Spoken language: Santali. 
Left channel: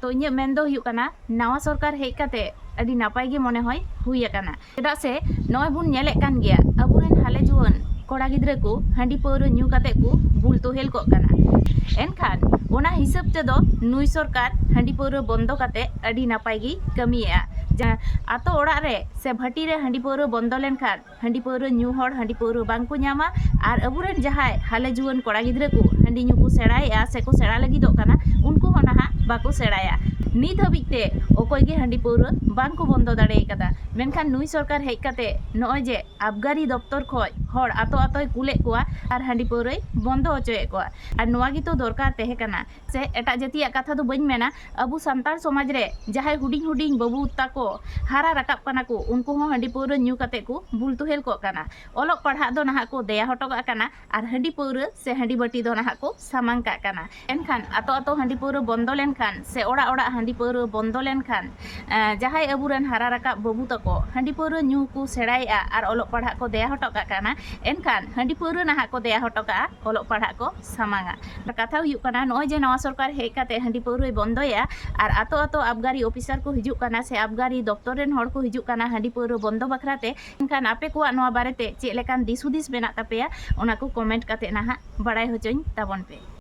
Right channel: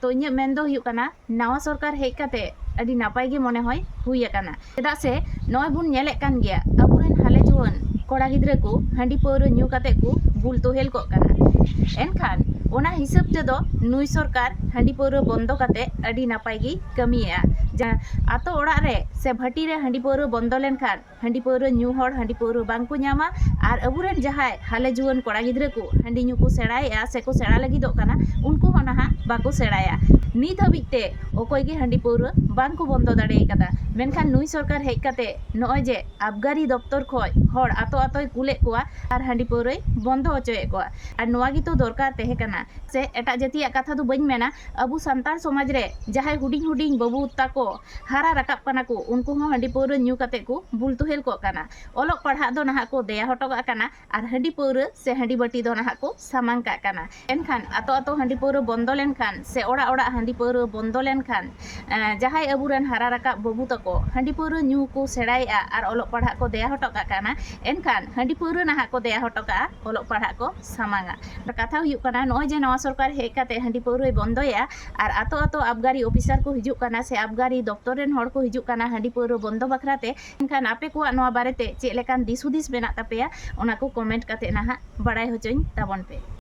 तो इन मेन दो हुयुग कना नवा सरकार हेज काते अभी नापाय गे मने होय हुई अकाना चेदा से नय बुन नेले कान गया अबुरेन हाले जुवन कोड़ा गिद्रा को हांडी पौर न्यू काते को बुल तोहेल को काना एनखान ओना हिसाब तेदो नुई सरकार हांडी पौर बंद काते अभी नापाय गे कमिया जा आतो ओड़ा रे से भाटी रे हांडी पौर बंद लेन खान हांडी पौर न्यू हर हांडी पौर बांको न्यामा आर अबुरेन जहाय हाले जुवन कोड़ा गिद्रा को हांडी न्यू को सेड़ाया से को सेड़ा लगिदो काना उनको होना बाको सेड़ाया नित हबिते अकय गे हांडी पौर बांको बंद दाड़े कदा मेनखान नुई सरकार हेज काते नय जे आबगारी दफ्तर खय हर आतो आतोय कुले कोआ आर हांडी पौरय बंद होचोए कोआ आर नोआ गे तो दरकार तहे काना से एटा जातिया कथा दो बइन मेना अबु सान्तार समाज रे जहाय हुडिंग हुडिंग बाबू ताको हारा राकाब काना को उनको हो हांडी पौर न्यू काते को बुल तोहेल को काना ओलक पढ़ा दो नाहा को देया हटोगा काना आर हांडी पौर से हांडी बाटी दो नाहा को सामांग का काना एनखान आतो आतो हांडी पौर बंद लेनखान से ओड़ा ओड़ा हांडी पौर बंद लेनखान जहाय अबुरेन हारा राकाब बाबू ताको हांडी पौर न्यू को सेड़ाया आर ओलक पढ़ा को देया हटोगा काना एनखान हांडी पौर नाहा को देया हटोगा ओलक पढ़ा को सामांगा कथा हुयुग काना नय जे नवा सरकार हेज काते हांडी पौर बंदया आर आतो आतो आबगारी ऑफिसर को हिजुग काना से आबगारी दफ्तर रेन हड़ को हिजुग काना हांडी पौर बंद बखराते एनखान आपे को नवा बारेते चेक लेकान दिस हुदिस मेना तापेया ओना को कमेंट काते नाहा बाड़ाय होचोኝ ताबन पे।